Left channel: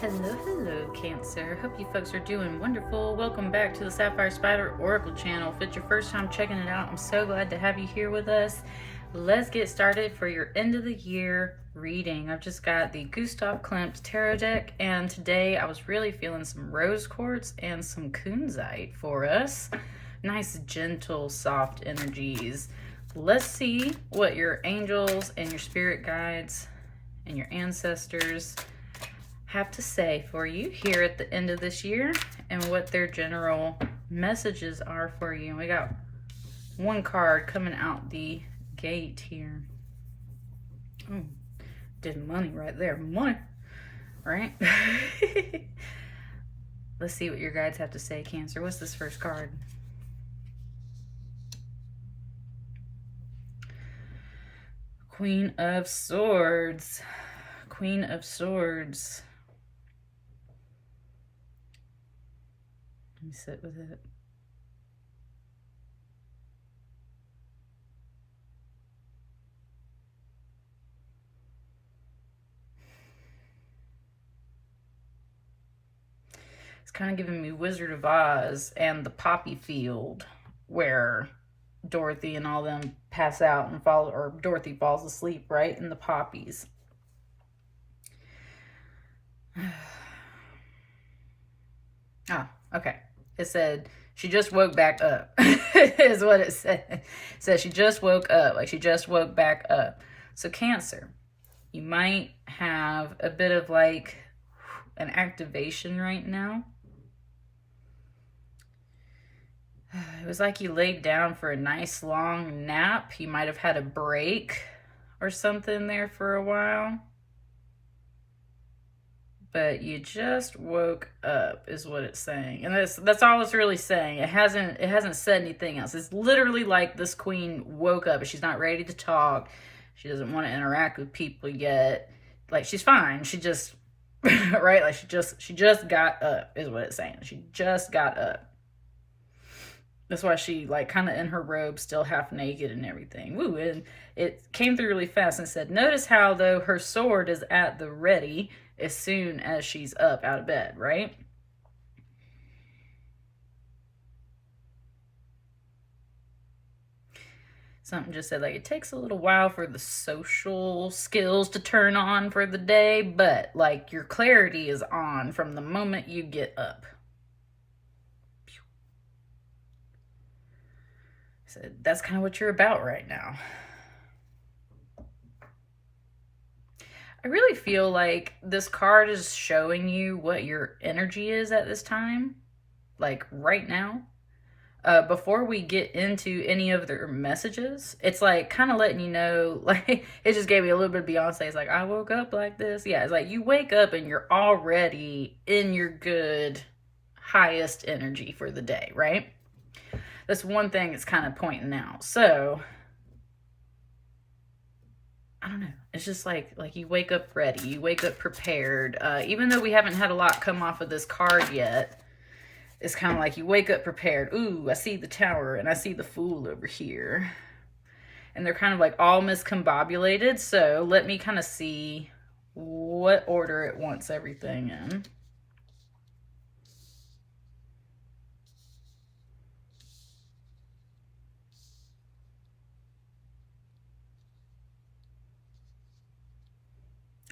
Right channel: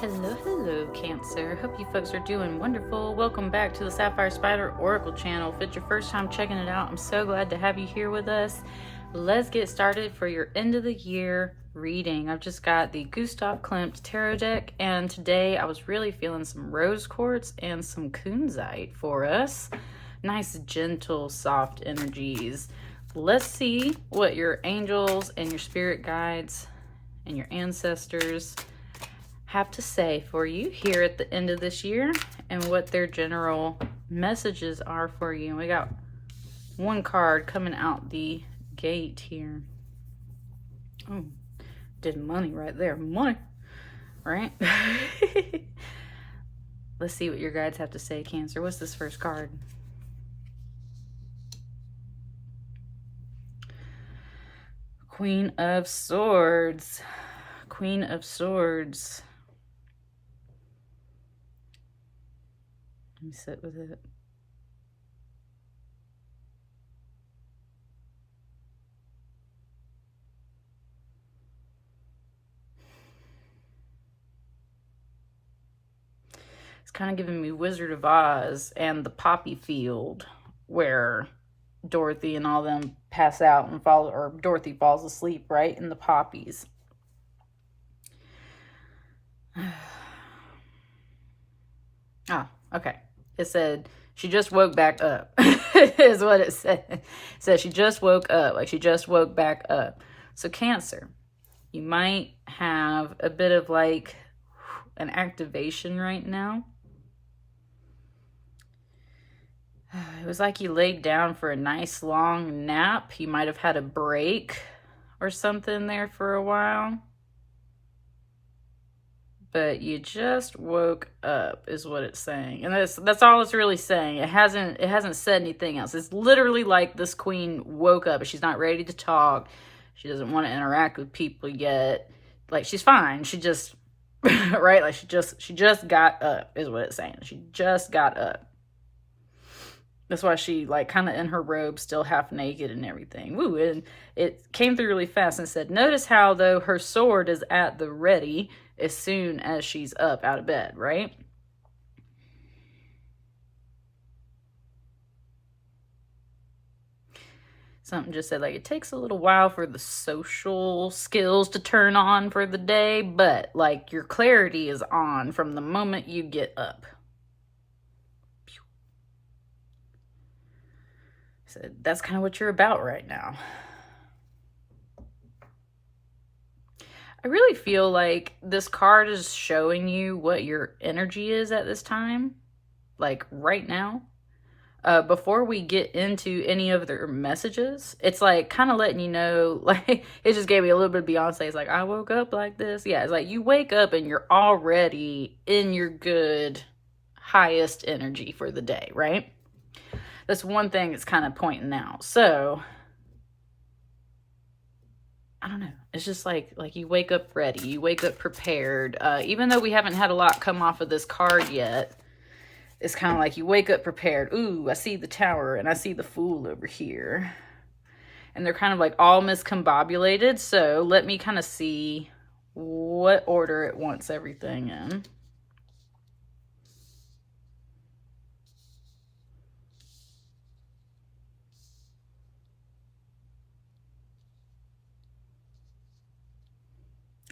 Hello, hello, Cancer. Hope you folks are doing wonderful. Welcome back to the Sapphire Spider Oracle channel. If it's your first time checking it out, I'm so glad to have you here with us. Let's get started for your end of the year reading. I've just got the Klimt tarot deck, and today I was really feeling some rose quartz and some kunzite for us. Nice, gentle, soft energies. Let's see what your angels and your spirit guides and your ancestors have to say for you here at the end of this year and what their general messages are for you. We got one card coming out the gate here. Oh, did money right there. Money, right? Let's see what your guides have to say, Cancer. What's this first card? Queen of Swords. Queen of Swords. Let me sit with it. It's kind of giving me Wizard of Oz and the poppy field where Dorothy and all them pass out and fall, or Dorothy falls asleep right in the poppies. Oh, okay. It said she just woke back up is what it said. It said she just woke up, like she just woke back up. So Cancer, you might have a bit of like an activation right now. It was like you laid down for a nice long nap. You might have had a break or something there for a while. But you just woke up is what it's saying. And that's all it's really saying. It hasn't said anything else. It's literally like this queen woke up, but she's not ready to talk. She doesn't want to interact with people yet. Like, she's fine. She just right? Like she just got up is what it's saying. She just got up. That's why she like kind of in her robe, still half naked and everything. Woo, and it came through really fast and said, notice how though her sword is at the ready as soon as she's up out of bed, right? Something just said like it takes a little while for the social skills to turn on for the day, but like your clarity is on from the moment you get up. So that's kind of what you're about right now. I really feel like this card is showing you what your energy is at this time, like right now. Before we get into any of their messages, it's like kind of letting you know, like it just gave me a little bit of Beyonce. It's like, I woke up like this. Yeah, it's like you wake up and you're already in your good, highest energy for the day, right? That's one thing that's kind of pointing out. So I don't know. It's just like you wake up ready. You wake up prepared. Even though we haven't had a lot come off of this card yet, it's kind of like you wake up prepared. Ooh, I see the Tower and I see the Fool over here. And they're kind of like all miscombobulated. So let me kind of see what order it wants everything in.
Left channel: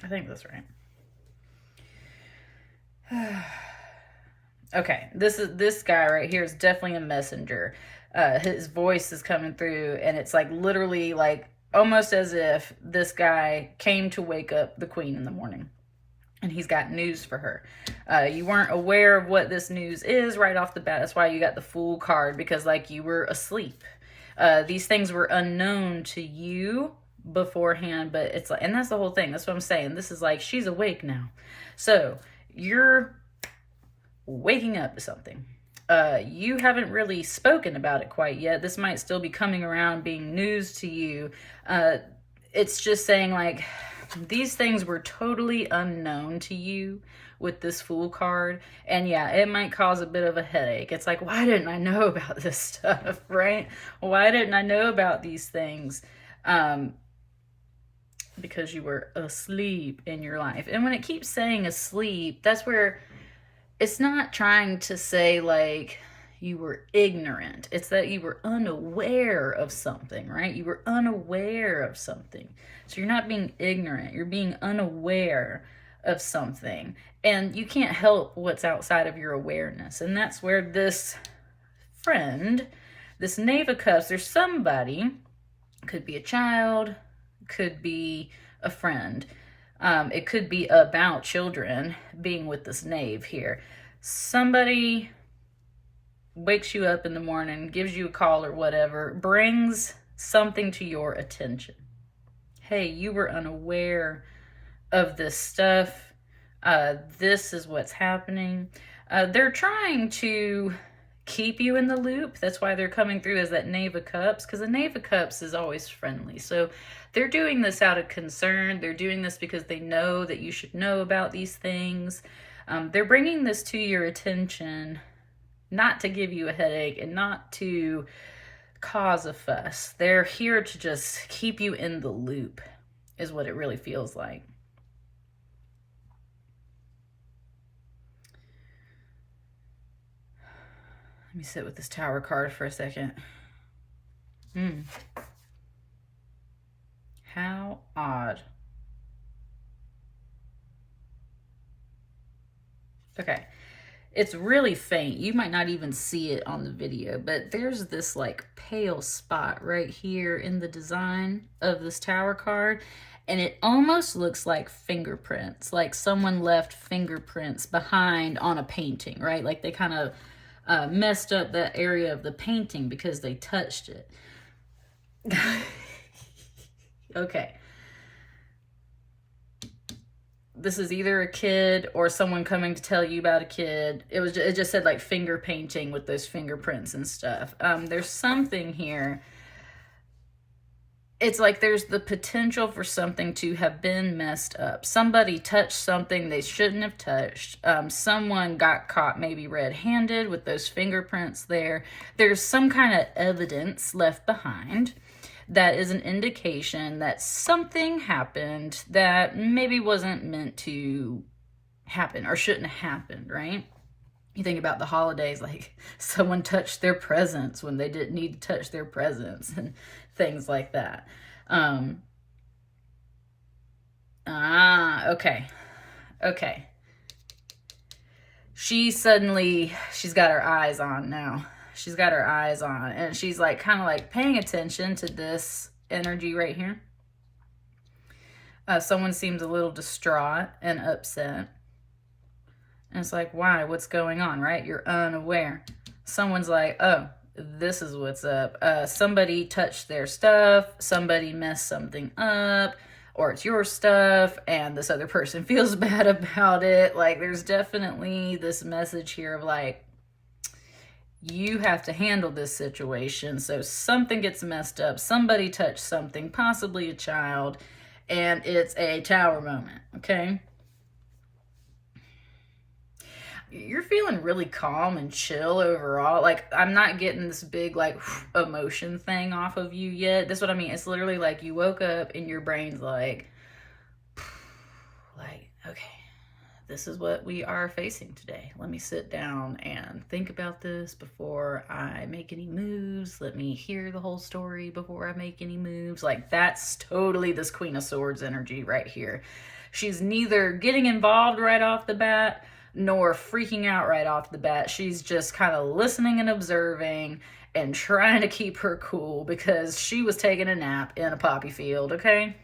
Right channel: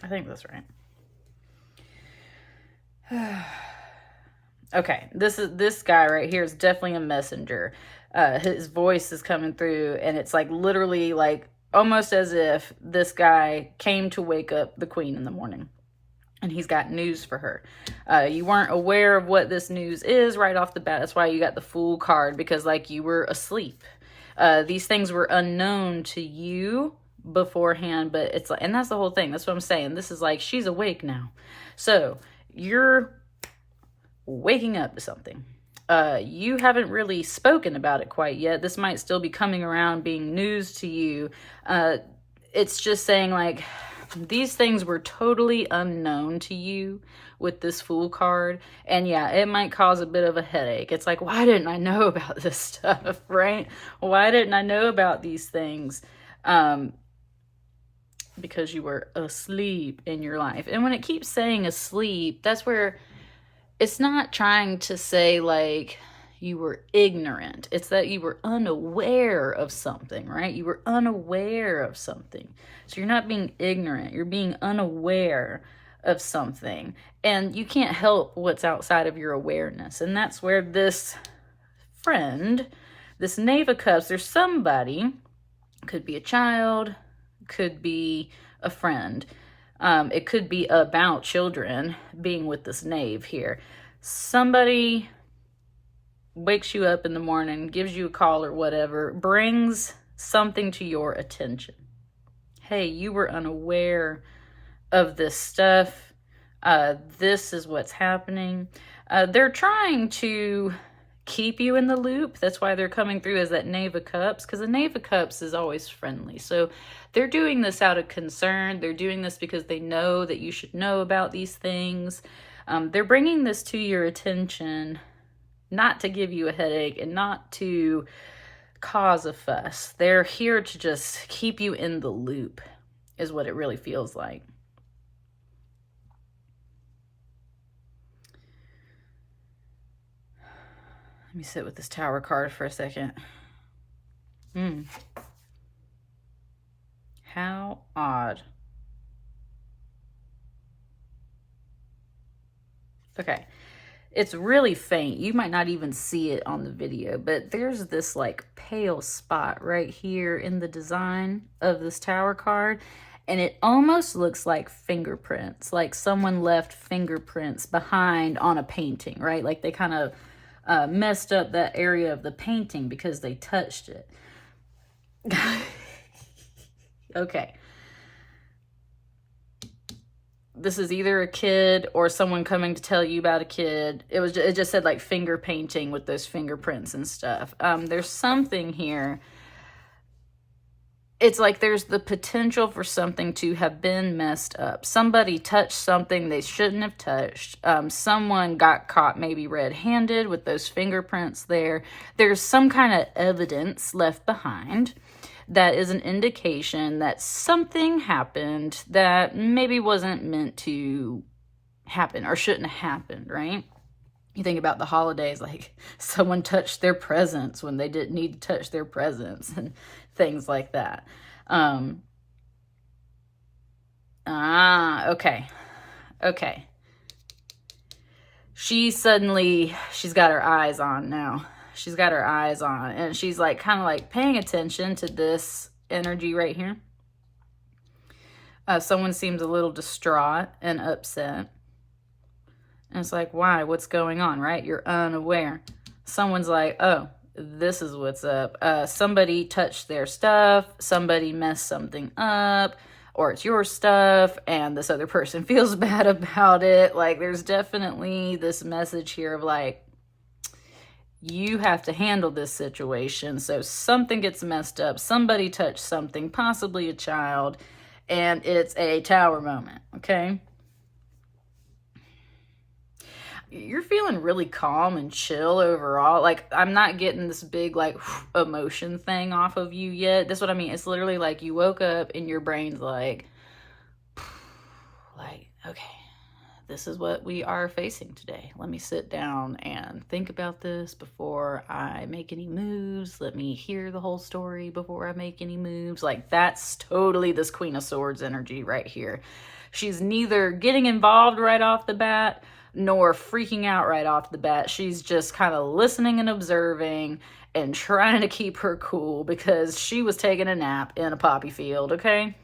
I think that's right. Okay, this guy right here is definitely a messenger. His voice is coming through, and it's like literally like almost as if this guy came to wake up the queen in the morning, and he's got news for her. You weren't aware of what this news is right off the bat. That's why you got the Fool card, because like you were asleep. These things were unknown to you beforehand, but it's like, and that's the whole thing. That's what I'm saying. This is like she's awake now, so you're waking up to something. You haven't really spoken about it quite yet. This might still be coming around, being news to you. It's just saying like these things were totally unknown to you with this Fool card, and yeah, it might cause a bit of a headache. It's like, why didn't I know about this stuff, right? Why didn't I know about these things? because you were asleep in your life. And when it keeps saying asleep, that's where it's not trying to say like you were ignorant. It's that you were unaware of something, right? You were unaware of something. So you're not being ignorant. You're being unaware of something. And you can't help what's outside of your awareness. And that's where this friend, this Knave of Cups, there's somebody, could be a child, could be a friend. It could be about children being with this knave here. Somebody wakes you up in the morning, gives you a call or whatever, brings something to your attention. Hey, you were unaware of this stuff. This is what's happening. They're trying to keep you in the loop. That's why they're coming through as that Knave of Cups, because the Knave of Cups is always friendly. So they're doing this out of concern. They're doing this because they know that you should know about these things. They're bringing this to your attention, not to give you a headache and not to cause a fuss. They're here to just keep you in the loop, is what it really feels like. Let me sit with this Tower card for a second. How odd. Okay. It's really faint. You might not even see it on the video, but there's this like pale spot right here in the design of this Tower card. And it almost looks like fingerprints, like someone left fingerprints behind on a painting, right? Like they kind of messed up that area of the painting because they touched it. Okay. This is either a kid or someone coming to tell you about a kid. It just said like finger painting with those fingerprints and stuff. There's something here. It's like there's the potential for something to have been messed up. Somebody touched something they shouldn't have touched. Someone got caught maybe red-handed with those fingerprints there. There's some kind of evidence left behind that is an indication that something happened that maybe wasn't meant to happen or shouldn't have happened, right? You think about the holidays, like someone touched their presents when they didn't need to touch their presents and things like that. Okay. She's got her eyes on now. She's got her eyes on, and she's like kind of like paying attention to this energy right here. Someone seems a little distraught and upset. And it's like, why? What's going on, right? You're unaware. Someone's like, oh, this is what's up. Somebody touched their stuff. Somebody messed something up. Or it's your stuff, and this other person feels bad about it. Like, there's definitely this message here of like, you have to handle this situation. So something gets messed up. Somebody touched something, possibly a child, and it's a Tower moment, okay? You're feeling really calm and chill overall. Like, I'm not getting this big, like, emotion thing off of you yet. That's what I mean. It's literally like you woke up and your brain's like, okay, this is what we are facing today. Let me sit down and think about this before I make any moves. Let me hear the whole story before I make any moves. Like, that's totally this Queen of Swords energy right here. She's neither getting involved right off the bat nor freaking out right off the bat. She's just kind of listening and observing and trying to keep her cool because she was taking a nap in a poppy field, okay?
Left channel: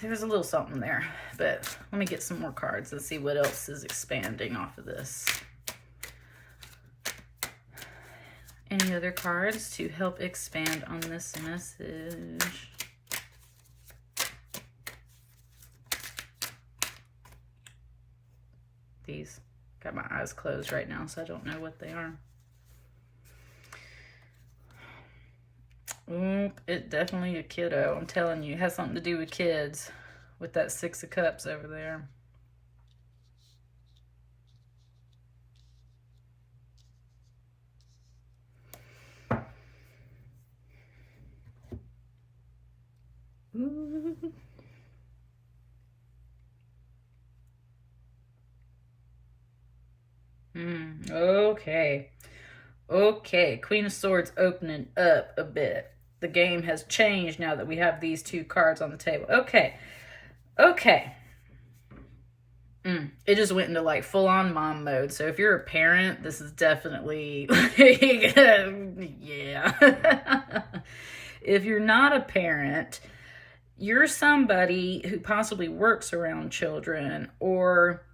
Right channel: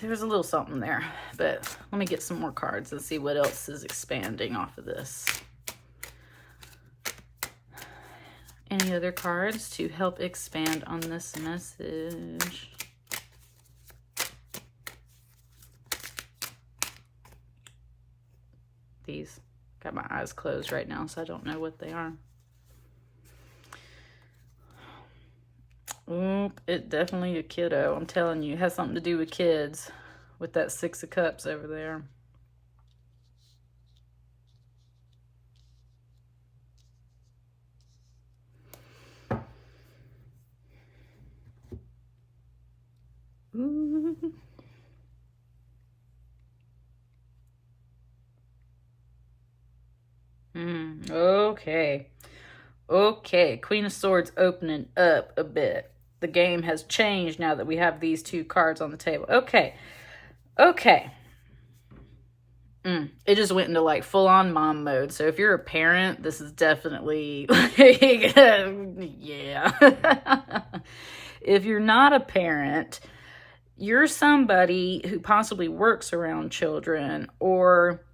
There's a little something there, but let me get some more cards and see what else is expanding off of this. Any other cards to help expand on this message? These. Got my eyes closed right now, so I don't know what they are. It definitely a kiddo. I'm telling you, it has something to do with kids with that Six of Cups over there. Okay. Okay. Queen of Swords opening up a bit. The game has changed now that we have these two cards on the table. Okay. Okay. It just went into like full-on mom mode. So if you're a parent, this is definitely like, yeah. If you're not a parent, you're somebody who possibly works around children, or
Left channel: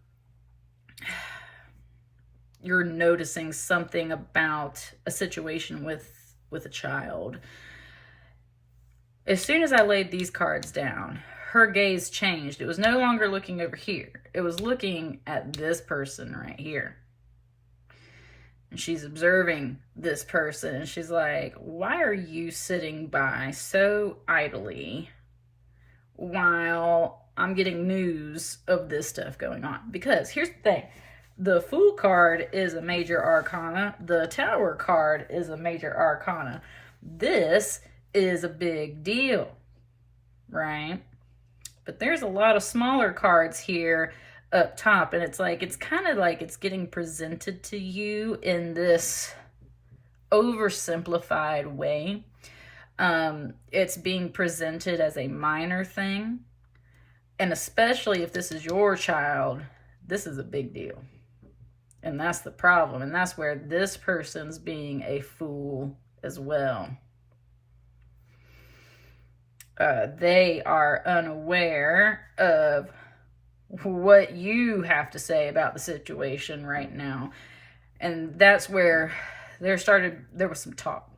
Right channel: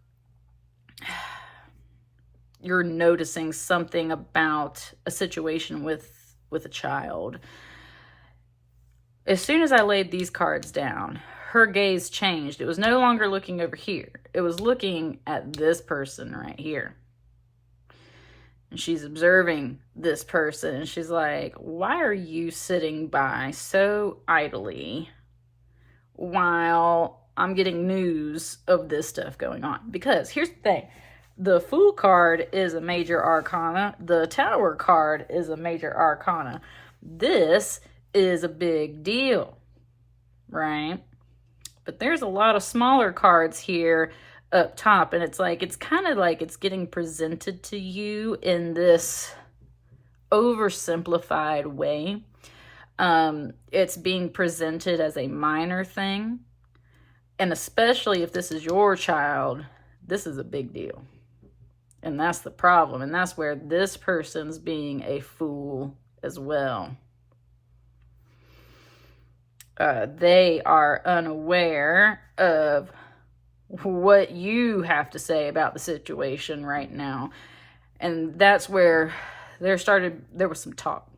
you're noticing something about a situation with a child. As soon as I laid these cards down, her gaze changed. It was no longer looking over here. It was looking at this person right here. And she's observing this person. And she's like, why are you sitting by so idly while I'm getting news of this stuff going on? Because here's the thing. The Fool card is a major arcana. The Tower card is a major arcana. This is a big deal, right? But there's a lot of smaller cards here up top, and it's like, it's kind of like it's getting presented to you in this oversimplified way. It's being presented as a minor thing, and especially if this is your child, this is a big deal. And that's the problem, and that's where this person's being a fool as well. They are unaware of what you have to say about the situation right now. And that's where there was some talk.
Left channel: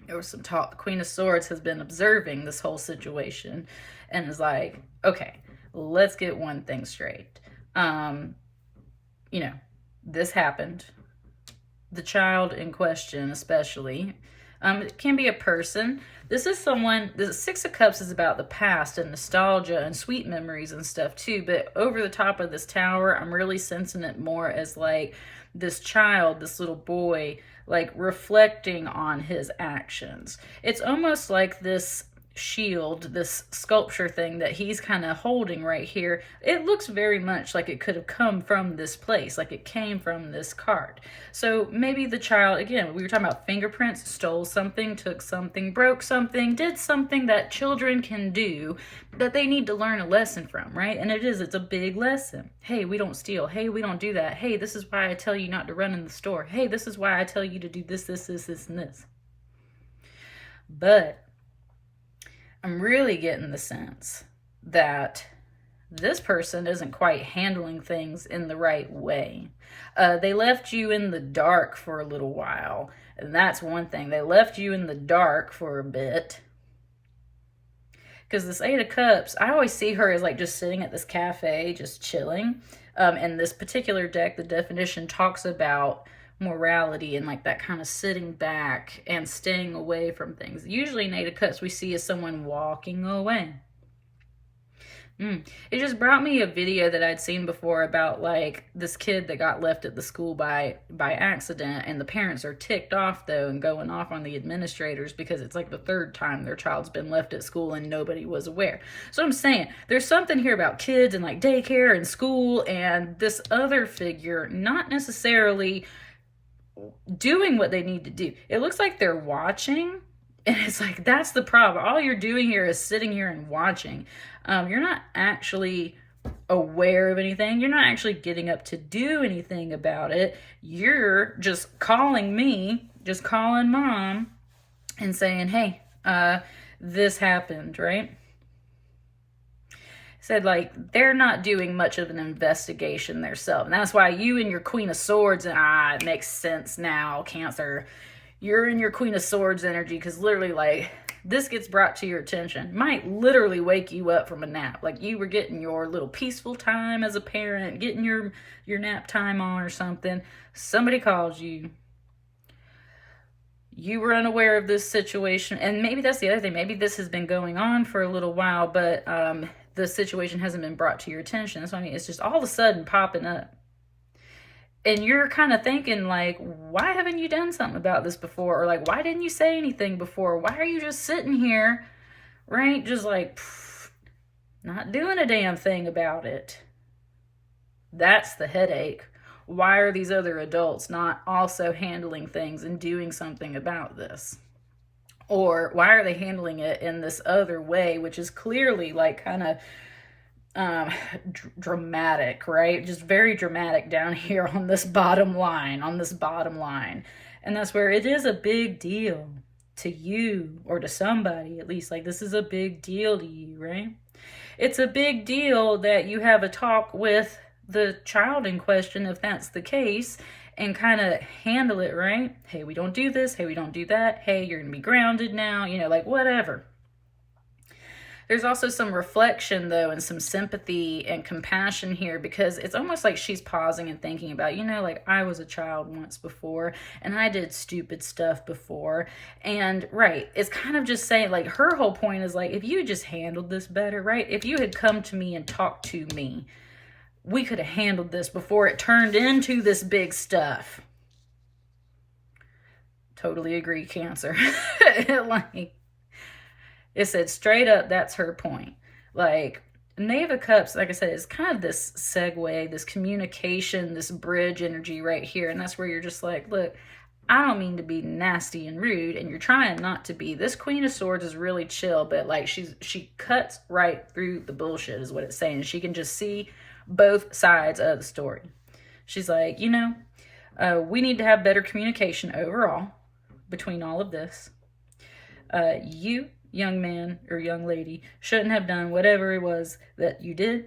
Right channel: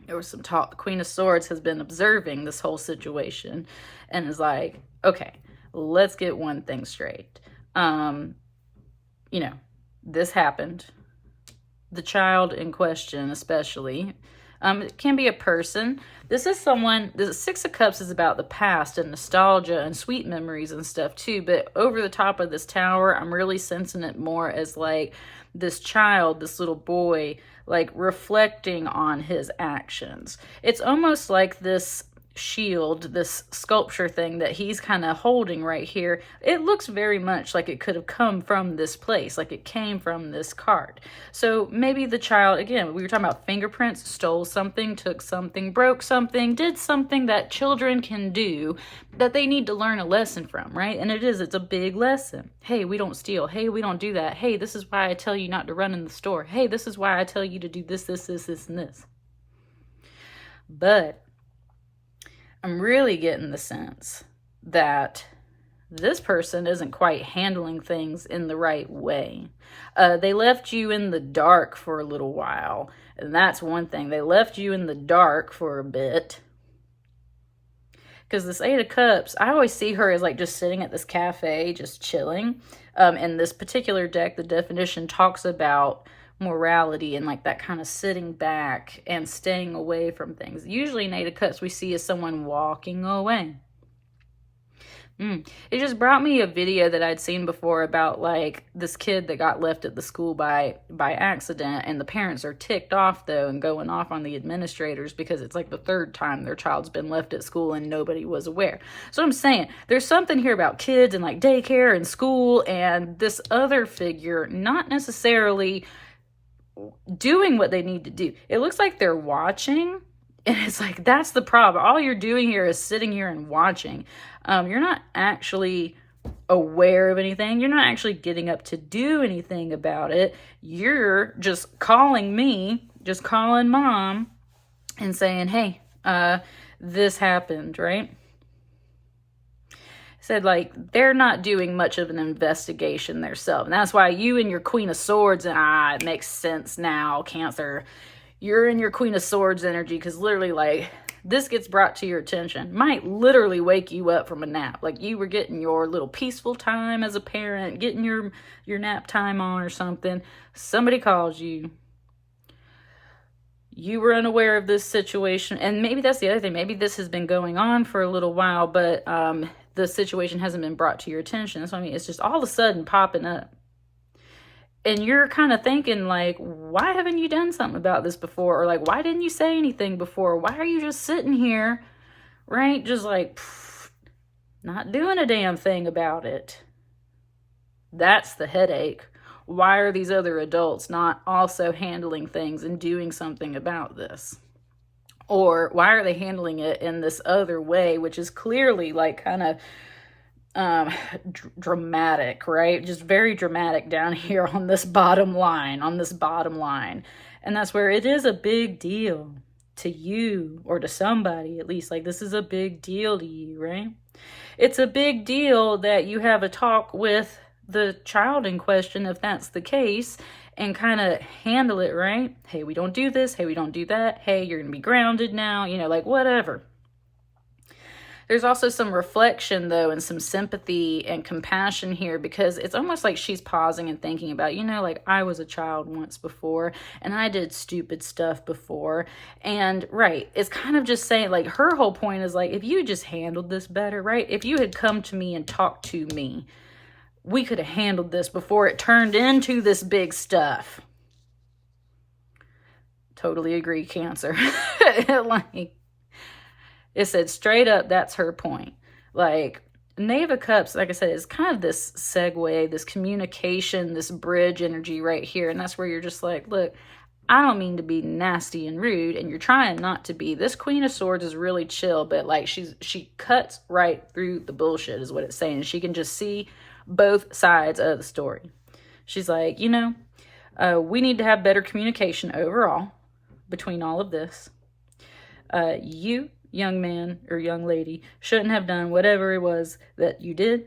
There was some talk. The Queen of Swords has been observing this whole situation and is like, okay, let's get one thing straight. This happened. The child in question, especially, it can be a person. This is someone, the Six of Cups is about the past and nostalgia and sweet memories and stuff too, but over the top of this Tower, I'm really sensing it more as like this child, this little boy, like reflecting on his actions. It's almost like this shield, this sculpture thing that he's kind of holding right here. It looks very much like it could have come from this place, like it came from this card. So maybe the child, again, we were talking about fingerprints, stole something, took something, broke something, did something that children can do that they need to learn a lesson from, right? And it's a big lesson. Hey, we don't steal. Hey, we don't do that. Hey, this is why I tell you not to run in the store. Hey, this is why I tell you to do this, this, this, this, and this. But I'm really getting the sense that this person isn't quite handling things in the right way. They left you in the dark for a little while, and that's one thing. They left you in the dark for a bit. Because this Eight of Cups, I always see her as like just sitting at this cafe, just chilling. In this particular deck, the definition talks about morality and like that kind of sitting back and staying away from things. Usually in Eight of Cups we see as someone walking away. It just brought me a video that I'd seen before about like this kid that got left at the school by accident, and the parents are ticked off though and going off on the administrators because it's like the third time their child's been left at school and nobody was aware. So I'm saying there's something here about kids and like daycare and school, and this other figure not necessarily doing what they need to do. It looks like they're watching, and it's like, that's the problem. All you're doing here is sitting here and watching. You're not actually aware of anything. You're not actually getting up to do anything about it. You're just calling me, just calling mom and saying, hey, this happened, right? Said like they're not doing much of an investigation themselves. And that's why you and your Queen of Swords, and it makes sense now, Cancer. You're in your Queen of Swords energy, because literally like this gets brought to your attention. Might literally wake you up from a nap. Like you were getting your little peaceful time as a parent, getting your nap time on or something. Somebody calls you. You were unaware of this situation. And maybe that's the other thing. Maybe this has been going on for a little while, but the situation hasn't been brought to your attention. That's what I mean. It's just all of a sudden popping up. And you're kind of thinking like, why haven't you done something about this before? Or like, why didn't you say anything before? Why are you just sitting here, right? Just like, not doing a damn thing about it. That's the headache. why are these other adults not also handling things and doing something about this? Or why are they handling it in this other way, which is clearly like kind of dramatic, right? Just very dramatic down here on this bottom line, And that's where it is a big deal to you, or to somebody at least. Like, this is a big deal to you, right? It's a big deal that you have a talk with the child in question, if that's the case, and kind of handle it, right? Hey, we don't do this. Hey, we don't do that. Hey, you're going to be grounded now, you know, like whatever. There's also some reflection, though, and some sympathy and compassion here, because it's almost like she's pausing and thinking about, you know, like, I was a child once before, and I did stupid stuff before. And, right, it's kind of just saying, like, her whole point is, like, if you just handled this better, right? If you had come to me and talked to me, we could have handled this before it turned into this big stuff. Totally agree, Cancer. Like, it said straight up, that's her point. Like, Knave of Cups, like I said, is kind of this segue, this communication, this bridge energy right here. And that's where you're just like, look, I don't mean to be nasty and rude, and you're trying not to be. This Queen of Swords is really chill, but like she cuts right through the bullshit is what it's saying. She can just see both sides of the story. She's like, you know, we need to have better communication overall between all of this. You, young man or young lady, shouldn't have done whatever it was that you did.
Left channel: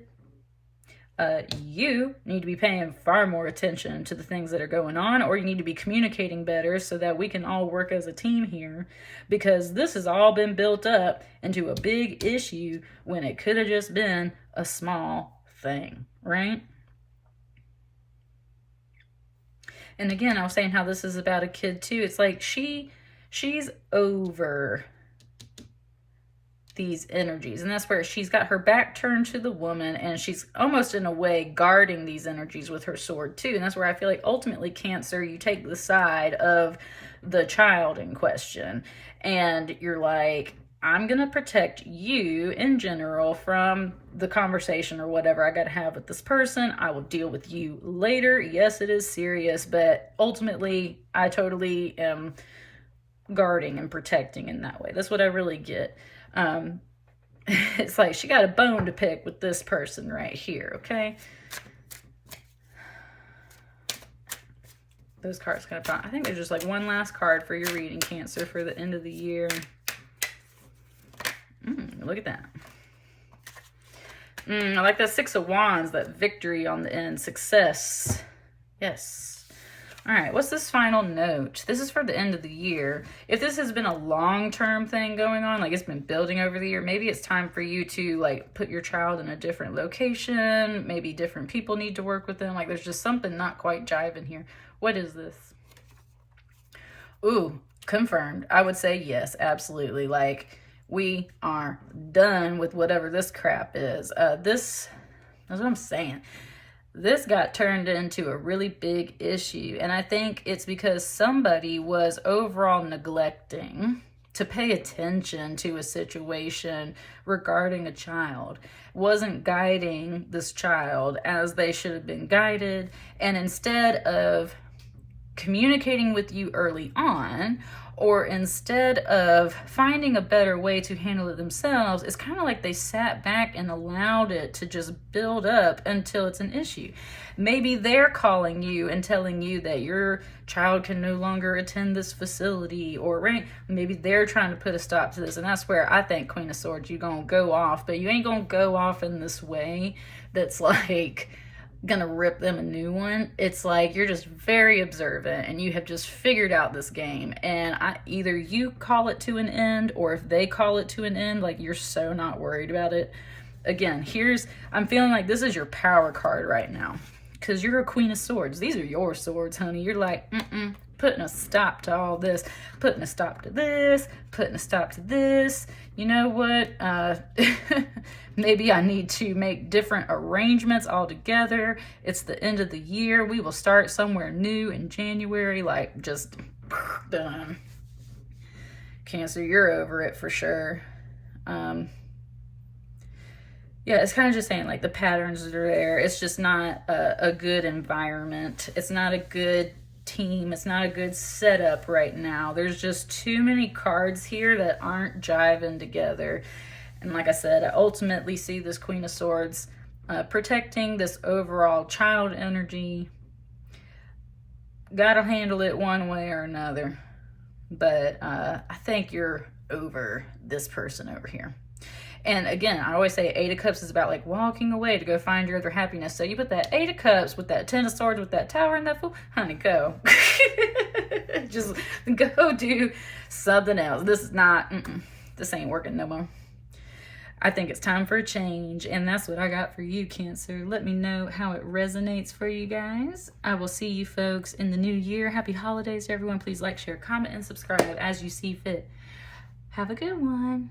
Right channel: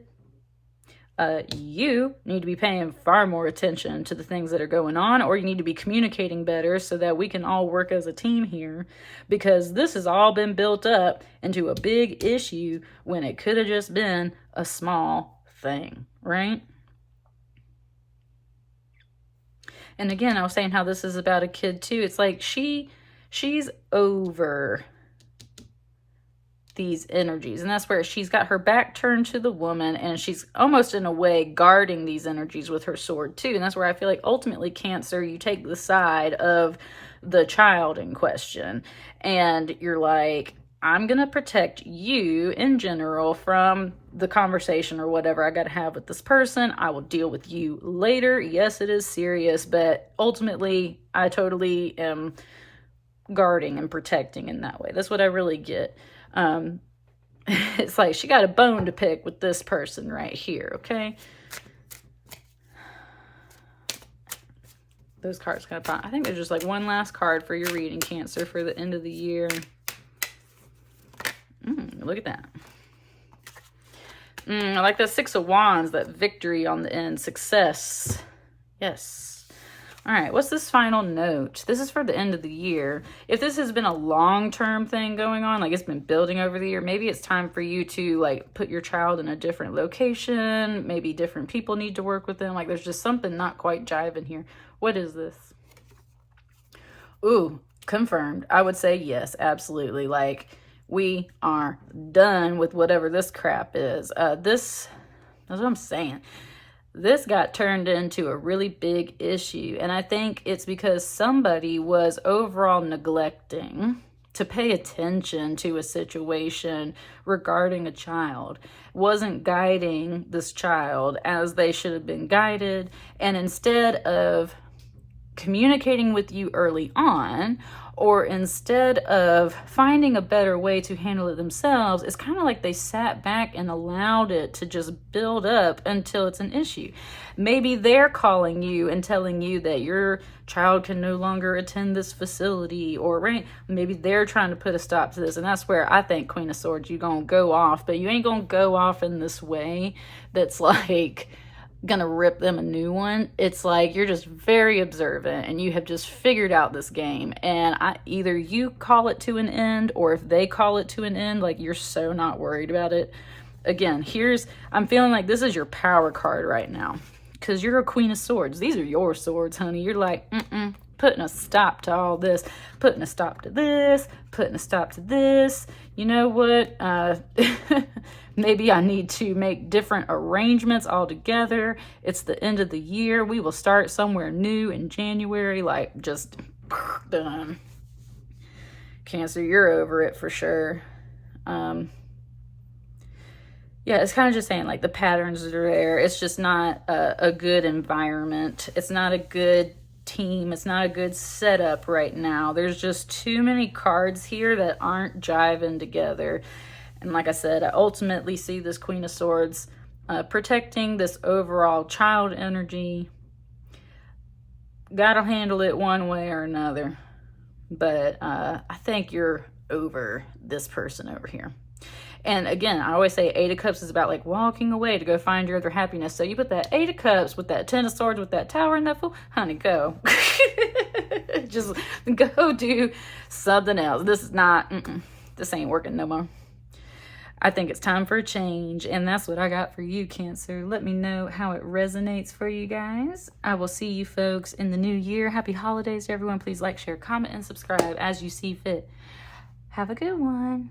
You need to be paying far more attention to the things that are going on, or you need to be communicating better so that we can all work as a team here, because this has all been built up into a big issue when it could have just been a small thing, right? And again, I was saying how this is about a kid too. It's like she's over these energies, and that's where she's got her back turned to the woman, and she's almost in a way guarding these energies with her sword too. And that's where I feel like ultimately, Cancer, you take the side of the child in question, and you're like, I'm gonna protect you in general from the conversation or whatever I gotta have with this person. I will deal with you later. Yes, it is serious, but ultimately I totally am guarding and protecting in that way. That's what I really get. It's like she got a bone to pick with this person right here, okay? Those cards kind of fun. I think there's just like one last card for your reading, Cancer, for the end of the year. Look at that. I like that Six of Wands, that victory on the end, success. Yes. All right, what's this final note? This is for the end of the year. If this has been a long-term thing going on, like it's been building over the year, maybe it's time for you to like put your child in a different location. Maybe different people need to work with them. Like there's just something not quite jiving here. What is this? Ooh, confirmed. I would say yes, absolutely. Like we are done with whatever this crap is. That's what I'm saying. This got turned into a really big issue, and I think it's because somebody was overall neglecting to pay attention to a situation regarding a child, wasn't guiding this child as they should have been guided, and instead of communicating with you early on, or instead of finding a better way to handle it themselves, it's kind of like they sat back and allowed it to just build up until it's an issue. Maybe they're calling you and telling you that your child can no longer attend this facility, or right, maybe they're trying to put a stop to this. And that's where I think, Queen of Swords, you're gonna go off, but you ain't gonna go off in this way that's like gonna rip them a new one. It's like you're just very observant and you have just figured out this game, and either you call it to an end, or if they call it to an end, like you're so not worried about it. Again, I'm feeling like this is your power card right now, because you're a Queen of Swords. These are your swords, honey. You're like, putting a stop to all this, putting a stop to this, putting a stop to this. You know what? Maybe I need to make different arrangements altogether. It's the end of the year. We will start somewhere new in January. Like, just done. Cancer, you're over it for sure. Yeah, it's kind of just saying like the patterns that are there. It's just not a good environment. It's not a good team. It's not a good setup right now. There's just too many cards here that aren't jiving together. And like I said, I ultimately see this Queen of Swords protecting this overall child energy. Gotta handle it one way or another. But I think you're over this person over here. And again, I always say 8 of Cups is about like walking away to go find your other happiness. So you put that 8 of Cups with that 10 of Swords with that Tower and that Fool, honey, go. Just go do something else. This is not, this ain't working no more. I think it's time for a change, and that's what I got for you, Cancer. Let me know how it resonates for you guys. I will see you folks in the new year. Happy holidays to everyone. Please like, share, comment, and subscribe as you see fit. Have a good one.